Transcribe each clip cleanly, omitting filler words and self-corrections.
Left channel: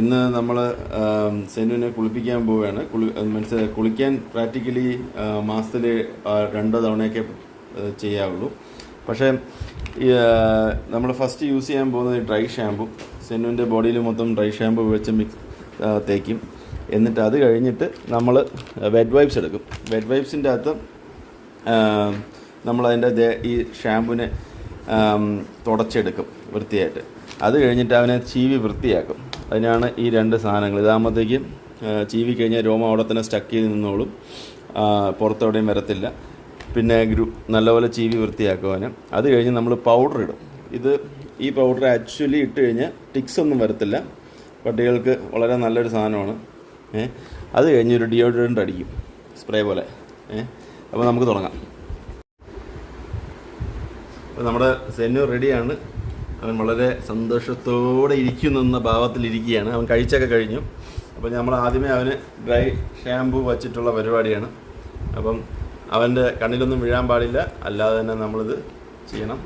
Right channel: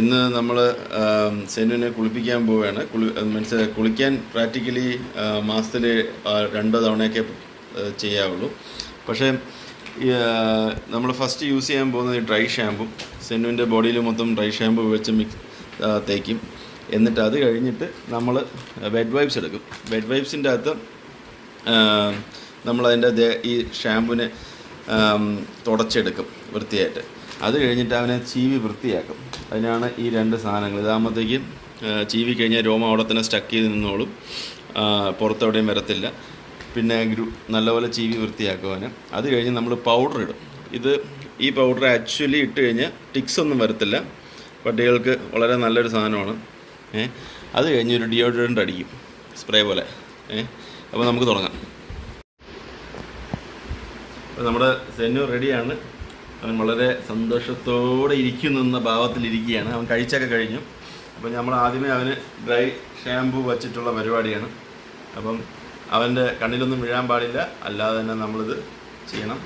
ഇന്ന് നമ്മൾ സെനുവിനെ കുളിപ്പിക്കാൻ പോവുകയാണ്. മീൻസ് കുളിക്കാൻ പ്രാക്ടിക്കലി മാസത്തിൽ 2 തവണയൊക്കെ ചെയ്യാവുള്ളൂ. പക്ഷേ നമ്മൾ ഫസ്റ്റ് യൂസ് ചെയ്യാൻ പോകുന്നത് ഡ്രൈ ഷാമ്പു. സെനുവിൻ്റെ ബോഡിയിൽ മൊത്തം ഡ്രൈ ഷാമ്പു വെച്ച് തേക്കും. എന്നിട്ട് അത് കഴിഞ്ഞിട്ട് നമ്മൾ വെറ്റ് വൈപ്സ് എടുക്കും. വെറ്റ് വൈപ്സിൻ്റെ അകത്ത് നമ്മളതിൻ്റെ ഈ ഷാമ്പുവിനെ തുടച്ചെടുക്കും വൃത്തിയായിട്ട്. അത് കഴിഞ്ഞിട്ട് അവനെ ചീവി വൃത്തിയാക്കും. അതിനാണ് ഈ 2 സാധനങ്ങൾ. ഇതാകുമ്പോഴത്തേക്കും ചീവി കഴിഞ്ഞാൽ രോമം അവിടെ തന്നെ സ്റ്റക്ക് ചെയ്ത് നിന്നോളും, പുറത്തെവിടെയും വരത്തില്ല. പിന്നെ നല്ലപോലെ ചീവി വൃത്തിയാക്കും അവന്. അത് കഴിഞ്ഞ് നമ്മൾ പൗഡർ ഇടും. ഈ പൗഡർ ആക്ച്വലി ഇട്ട് കഴിഞ്ഞാൽ ടിക്സ് ഒന്നും വരത്തില്ല. പട്ടികൾക്ക് വളരെ നല്ലൊരു സാധനമാണ്. അത് കഴിഞ്ഞ് ഒരു ഡിയോഡ്രൻ്റ് അടിക്കും, സ്പ്രേ പോലെ. അപ്പോൾ നമുക്ക് തുടങ്ങാം. നമ്മുടെ സെന്നു റെഡിയാണ്. അവൻ വളരെ സന്തോഷത്തോടെ ഇരിക്കുന്ന ഭാവത്തിലിരിക്കുകയാണ്. അവൻ കഴിച്ചൊക്കെ കഴിഞ്ഞു. അപ്പോൾ നമ്മൾ ആദ്യമേ അവന് ഡ്രൈ ഷാമ്പു വച്ചിട്ടുള്ള പരിപാടിയാണ്. അപ്പം അവൻ്റെ കണ്ണിലൊന്നും വീഴാൻ പാടില്ല, അല്ലാതെ തന്നെ നമ്മളിത് ചെയ്യണം.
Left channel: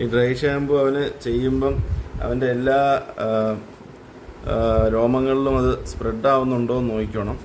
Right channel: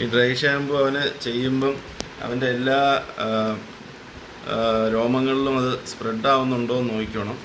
ഈ ഡ്രൈ ഷാമ്പു അവന് ചെയ്യുമ്പം അവൻ്റെ എല്ലാ രോമങ്ങളിലും അത് സ്പ്രെഡ് ആവുന്നുണ്ടോ എന്ന് നോക്കണം.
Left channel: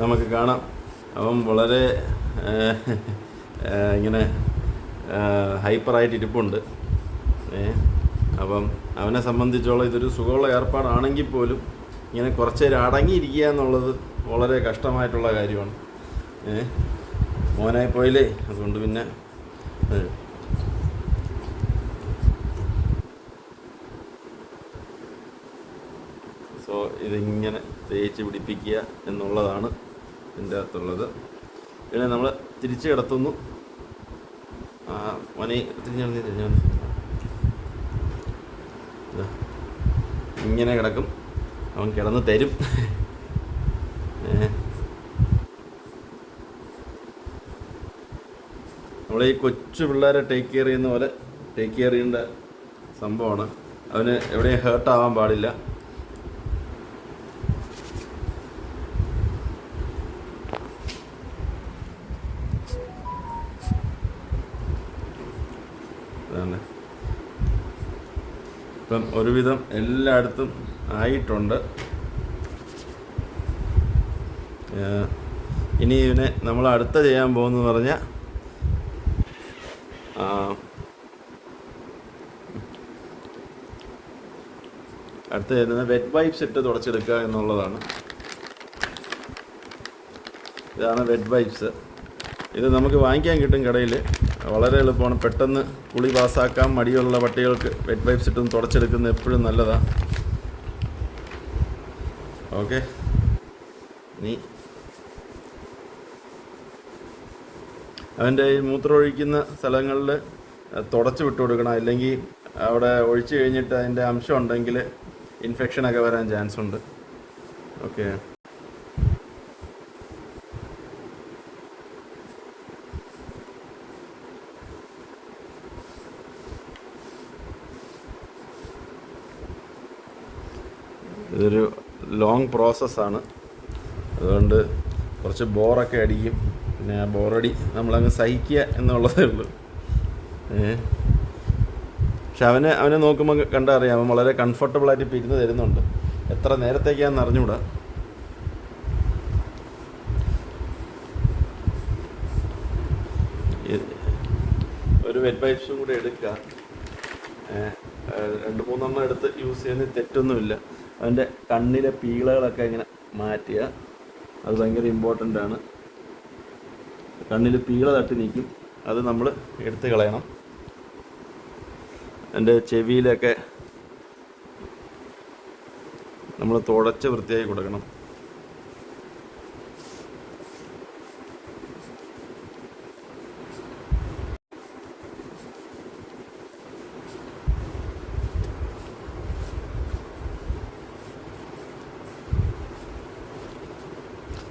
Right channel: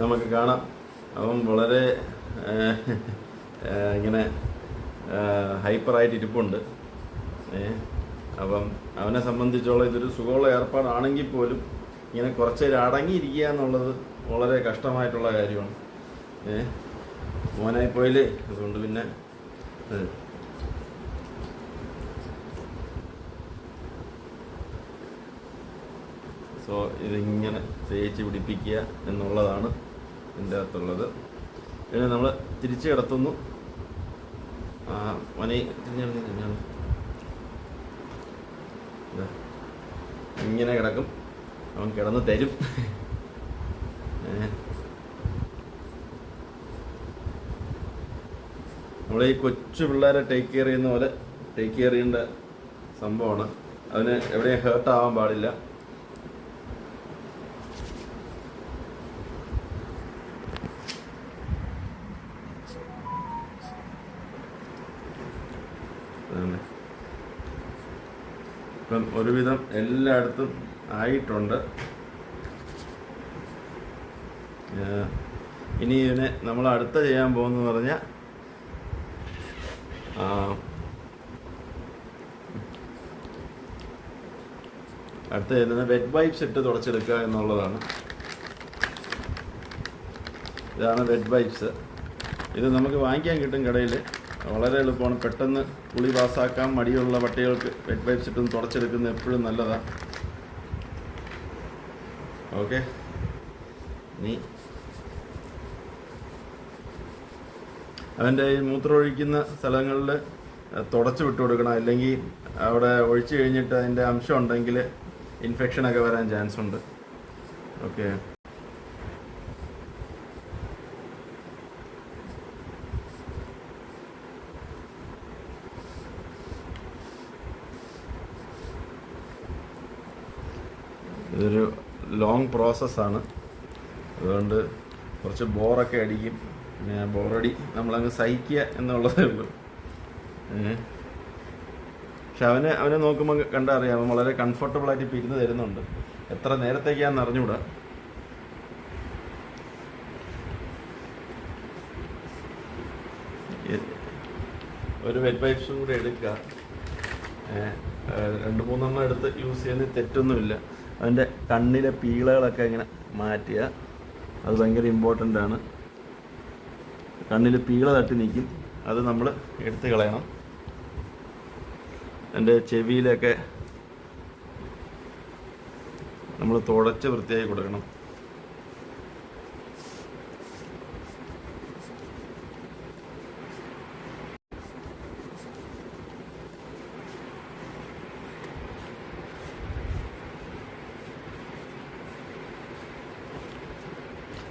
നമുക്ക് കാണാം അവൻ വളരെ ഇങ്ങനെ ഹൈപ്പറായിട്ട് ഇരിപ്പുണ്ട്. അപ്പം അവനെ സംബന്ധിച്ചോളം ഇതൊരു സുഖമുള്ള ഏർപ്പാടാണെങ്കിൽ പോലും ഇങ്ങനെ കുറച്ച് നേരം അടങ്ങിയിരിക്കുക എന്നുള്ളത് വളരെ കഷ്ടമായിട്ടുള്ള കാര്യമാണ്. മോനായി പോയില്ലേ, അതുകൊണ്ട് പിന്നെ സോ ഇതിങ്ങനെ തേച്ച് പിടിപ്പിക്കുക എന്നുള്ളതാണ് ഇതിൻ്റെ അകത്തുള്ളത്. പിന്നെ നമ്മൾ തിരിച്ച് കിടത്തുന്നു. മനി ഇങ്ങനെ കിടക്കും. അവൻ കിടന്ന് തരും. നമ്മളെ ഈ കൊച്ചു പിള്ളേരെ ടേക്ക് കെയർ ചെയ്യുന്ന പോലെ ടേക്ക് കെയർ ചെയ്യേണ്ട സംഭവമാണ്. അവന് എവിടെയും ഹേർട്ടാവാൻ പാടില്ല. ഇപ്പം ഒരുവിധം എല്ലായിടത്തും ആയിട്ടുണ്ട്. ഇനി ഇതിനെ നമ്മൾ അടുത്ത ചെയ്യാൻ പോകുന്നത് പറഞ്ഞാൽ അടുത്ത ചെയ്യുന്നത് വെറ്റ് വൈപ്സ് ഇട്ട് തുടച്ചെടുക്കുക എന്നുള്ളതാണ്. ഇതാണ് വെറ്റ് വൈപ്സ്. ഇത് നമുക്ക് വാങ്ങിക്കാൻ കിട്ടും കടയിൽ. വളരെ എളുപ്പമാണ്. പെട്ടെന്ന് കുളി പാസ്സാക്കാൻ മടിയുള്ള പട്ടികൾക്ക് വെറ്റ് വൈപ്സ് ഇട്ടും തുടച്ചെടുക്കുന്നത് എപ്പോഴും നല്ലതാണ്. ഓക്കെ, നീ അവൻ്റെ ഈ മൂത്രമൊഴിക്കുന്ന സ്ഥലങ്ങളിൽ തുടച്ച് വിട്ടു കൊടുക്കണം. അല്ലെങ്കിൽ അവിടെ ഒഴിച്ചു കഴിഞ്ഞിട്ട് അതിൻ്റെ അംശം ഉണ്ടെങ്കിൽ ഇൻഫെക്ഷനൊക്കെ വരാൻ ചാൻസ് ഉണ്ട്. ഓക്കെ, ഇതൊരു ലോങ് പ്രോസസ്സാണ്. അതുകൊണ്ട് കുറച്ച് ബോറൊക്കെ അടിക്കും. പിന്നെ ആ ബോറടി നമ്മളങ്ങ് സഹിക്കുക എന്നുള്ളതേ ഉള്ളൂ. പക്ഷെ അവനെ നോക്കുമ്പോൾ കണ്ടറിയാം, അവൻ വളരെ കംഫർട്ടബിളായിട്ട് ഇപ്പോൾ ഇരുന്ന് തരുന്നുണ്ട്. എത്ര നേരത്തേക്കാണെന്ന് അറിഞ്ഞുകൂടാ. ഒരു വെറ്റ് വൈപ്സും കൂടെ എടുക്കുക. 2-3 എടുത്ത് യൂസ് ചെയ്യുന്നതിൽ തെറ്റൊന്നുമില്ല. അതിൻ്റെ കണ്ണിലെ പീളകളൊക്കെ ഇങ്ങനെ മാറ്റുക, അത് ഭയങ്കര ഇമ്പോർട്ടൻ്റ് ആണ്. കണ്ണിൽ പീള തട്ടി നിൽക്കും, അത് നമ്മൾ എടുത്ത് കളയണം. എൻ്റെ ചെവിയിലൊക്കെ നമ്മൾ തുടച്ച് വൃത്തിയാക്കി കൊടുക്കണം.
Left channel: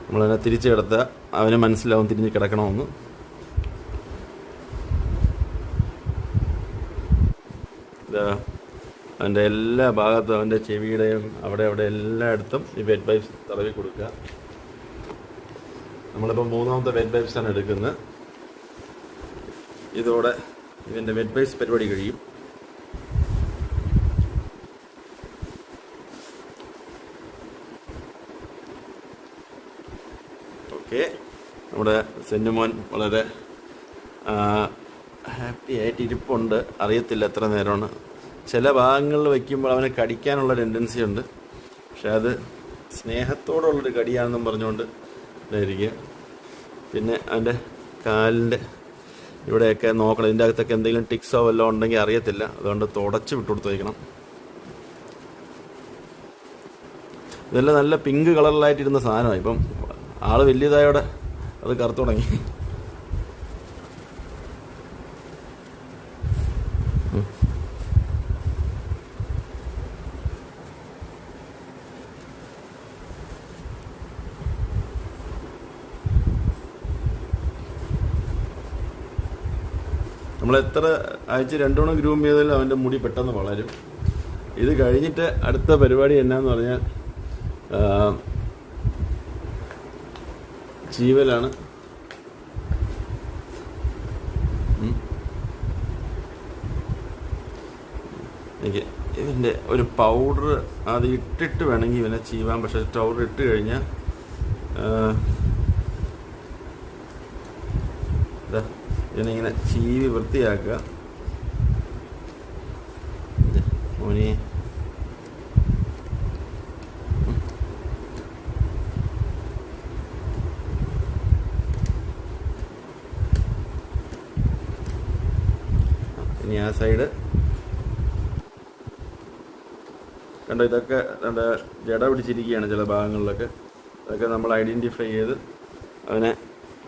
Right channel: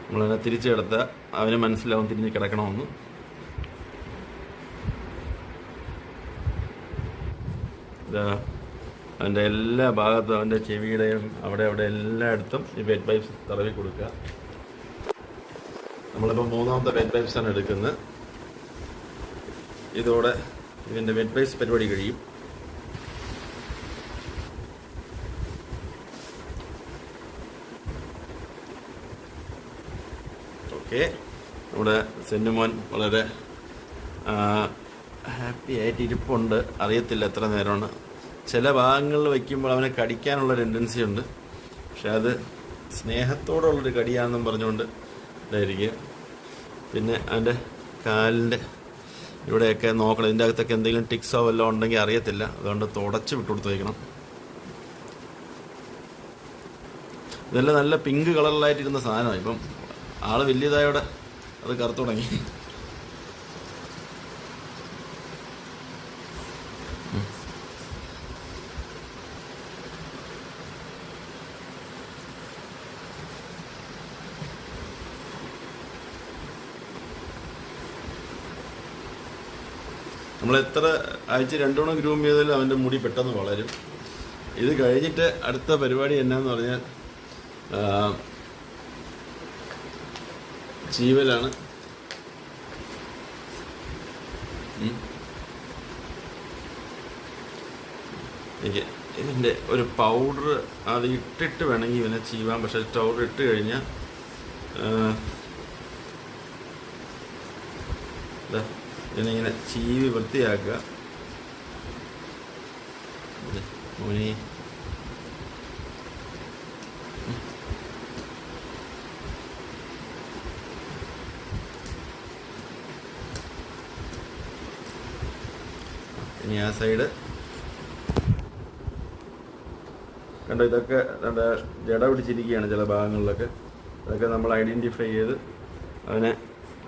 നമ്മളതിനെ തിരിച്ച് കിടത്തുക, അവന് മനസ്സിലാവും തിരിഞ്ഞ് കിടക്കണമെന്ന്. അവൻ്റെ എല്ലാ ഭാഗത്തും, അവൻ്റെ ചെവിയുടെയും അവിടെ എല്ലായിടത്തും ഈ വെറ്റ് വൈപ്സ് തടവി കൊടുക്കുക. നമ്മളിപ്പോൾ 3ാമത്തെ വെറ്റ് വൈപ്സാണ് എടുക്കുന്നത്. ഇതോടെ ഇതിൻ്റെ വെറ്റ് വൈപ്സ് പരിപാടി കഴിയും. ഓക്കെ, നമ്മുടെ സെന്നുമോൻ വളരെ ഹാപ്പി ആയിട്ട് ഇരിപ്പുണ്ട്. അറിയത്തില്ല എത്ര നേരമാണ്. ചില ഭാഗങ്ങളിൽ വയ്ക്കുമ്പോൾ അവനെ കടിക്കാനുള്ള ടെൻഡൻസി ഉണ്ട്, പക്ഷെ അത് സ്നേഹത്തോടുള്ളൊരു കടിയാണെന്നും പറഞ്ഞുകൊണ്ട് ഇതായിരിക്കും. പിന്നെ അവൻ്റെ കാലിൻ്റെ ഇവിടെയൊക്കെ നോക്കണം, ഇതിൻ്റെ അകത്തൊക്കെ എന്തെങ്കിലും ടിക്സോ വല്ലതും ഉണ്ടെങ്കിൽ അറിയത്തില്ല, അതുകൊണ്ട് തുടച്ച് വിട്ടുകൊടുത്ത് വയ്ക്കണം. ഇതെല്ലാം നല്ല പിങ്ക് കളറിലായിട്ടിരുന്ന സാധനമാണ്. ഇപ്പം ആള് വലിയതായോടെ അത് കറുത്തു തുടങ്ങി. നമ്മളെത്ര ആഴ്ച 2 തവണ ഗ്രൂം ചെയ്താലും അവൻ്റെ മുടി പെട്ടെന്ന് വളരും. ഇത് കഴിഞ്ഞിട്ട് അടുത്ത പരിപാടി എന്നാന്ന് പറഞ്ഞാൽ ചീവലാണ്. എനിക്ക് ഇതിൻ്റെ ഒരു പൗഡർ അത് ഇട്ടിട്ട് വേണമെങ്കിൽ ഇവനെ ചീവാൻ, പക്ഷെ പൗഡർ ഇട്ട് കഴിഞ്ഞാൽ ഇതിനിങ്ങനെ ചീവി വൃത്തിയാക്കുക. ഇനി ആ സൈഡ് കണ്ടോ, ഇതൊക്കെ ജട പിടിച്ചിരിക്കുകയാണ് ചില ഭാഗങ്ങളിലൊക്കെ. അതൊക്കെ നമ്മൾ ഐഡൻറ്റിഫൈ ചെയ്ത് അവനെ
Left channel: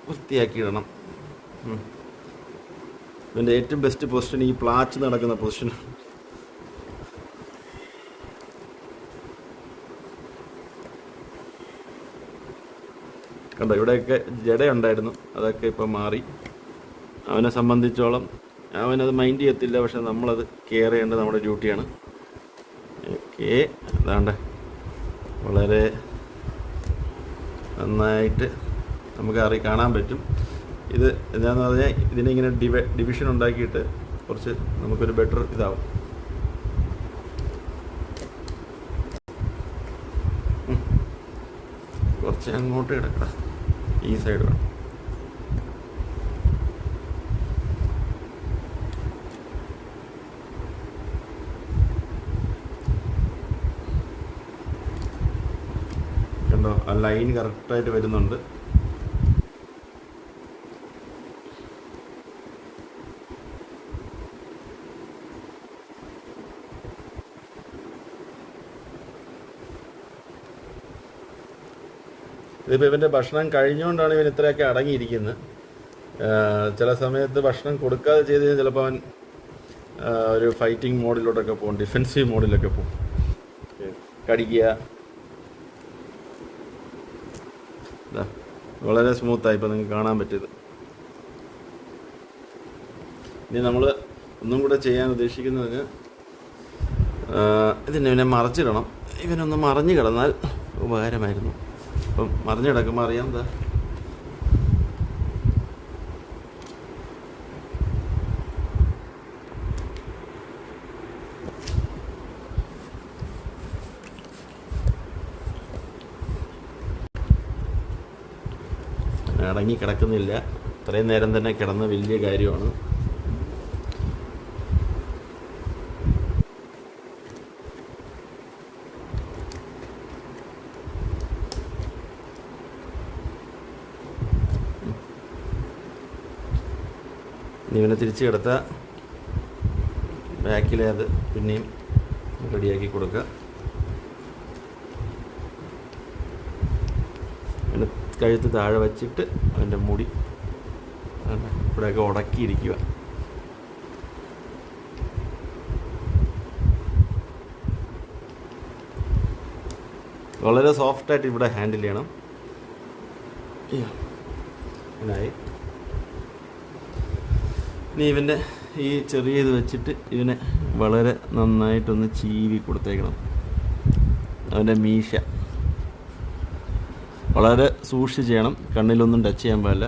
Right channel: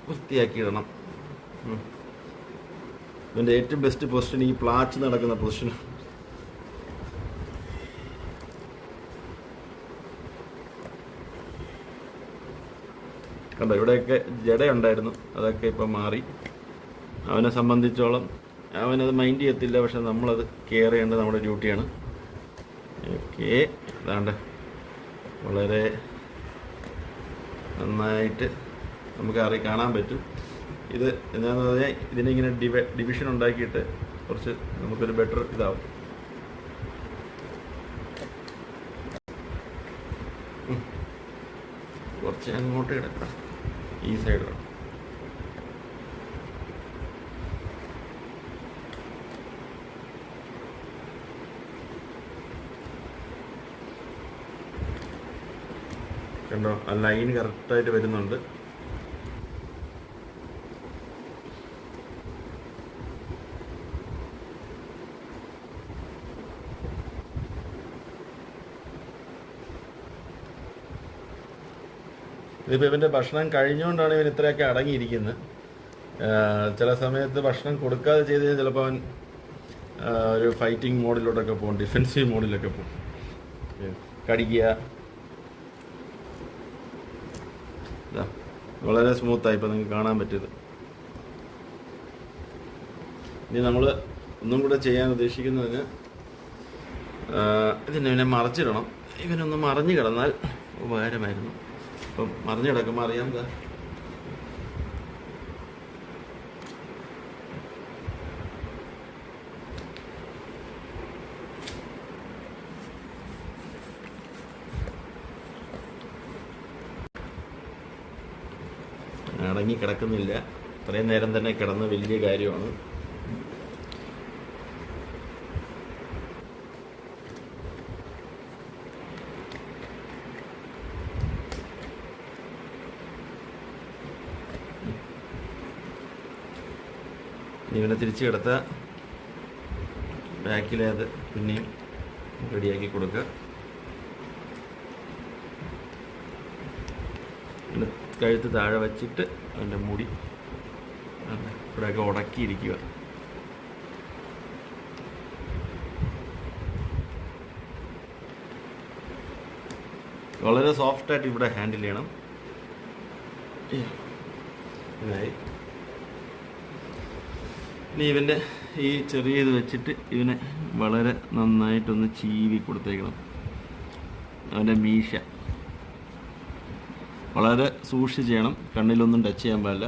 വൃത്തിയാക്കിയിടണം. ഇതിൻ്റെ ഏറ്റവും ബെസ്റ്റ് പൊസിഷൻ ഈ പ്ലാച്ച് നടക്കുന്ന പൊസിഷൻ. കണ്ടോ, ഇവിടെയൊക്കെ ജടയുണ്ടായിരുന്നു, അതൊക്കെ ഇപ്പം മാറി. അവനെ സംബന്ധിച്ചോളം അവനത് മൈൻഡ് ചെയ്യത്തില്ല, പക്ഷെ നമ്മളത് കെയർ ചെയ്യേണ്ടത് നമ്മുടെ ഡ്യൂട്ടിയാണ്. ഓക്കെ, അതാണ്ട് വളരെ നന്നായിട്ട് നമുക്ക് കാണാൻ പറ്റും. ഇത് എന്താണെന്ന് പറഞ്ഞാൽ ഇതിനിങ്ങനെ ഡിവിഷൻ ഉണ്ടാക്കിയിട്ട് കുറച്ച് നമുക്കൊരു ബെറ്റർ ഇതാവും. കുറച്ച് അങ്ങോട്ട് കിടക്കണം, ഈ സൈഡ് വേണം. കണ്ടോ, ആ ലൈൻ കറക്റ്റായിട്ട് വരുന്നുണ്ട്. ഇതിപ്പോൾ ഇവൻ്റെ ഭക്ഷണം കഴിഞ്ഞുകൊണ്ടാണ് ഇവൻ ഇത്രയൊക്കെ അടങ്ങിയിരിക്കുന്നത്. ചില സമയത്ത് ഭക്ഷണം കൊടുക്കാതെ ചെയ്ത് കഴിഞ്ഞാൽ ചിലപ്പോൾ അവൻ ഒരു ഫൈറ്റിംഗ് മോഡിലോട്ടൊക്കെ പോകും, ഡിഫെൻസീവ് മോഡിലൊക്കെ പോകും, കടിക്കുക. വളരെ സ്മൂത്തായി ഇപ്പോൾ നിങ്ങൾക്ക് കാണാൻ പറ്റിയത്. ഇനി നമ്മൾ ഒന്നും കൂടെ ചെയ്യാൻ ഉദ്ദേശിക്കുന്നത് ഇതിനെ മറച്ചിടണം. ഇവനൊന്ന് മറിഞ്ഞു കിടന്നാൽ ഉപകാരമായിരുന്നു. അപ്പം മറിഞ്ഞു കിടക്കുമ്പോൾ അറിയാം എന്താ അടങ്ങി കിടക്കുന്നില്ല. ഇത്രയും നേരം തന്നെ കിടന്ന വലിയ കാര്യമാണ്. ഇവനെ തിരിച്ച് കിടത്ത ബാക്കിലെ അത് പിന്നെയും റെഡിയാക്കി കൊടുക്കുക. അതിൻ്റെ കഴുത്ത് താഴെ വച്ചിട്ട് അതിൻ്റെ മുടി ഇവിടെയൊക്കെ ഉടക്കിയിരിക്കുക. വളരെ സോഫ്റ്റായിട്ട് ഇവിടെ ഹാൻഡിൽ ചെയ്യണം. ഇതായി. ഇനി ഇവൻ്റെ ഈ ചെറിയ ഇത് വെച്ചിട്ട് ഇവനെ വളരെ നന്നായിട്ടൊന്ന് ചീവി കൊടുത്തേക്കണം. അവൻ്റെ മീശ വളരെ സൂക്ഷിച്ച് ചെയ്യണം, കണ്ണിലൊന്നും ടച്ച് ചെയ്യാൻ പാടില്ല.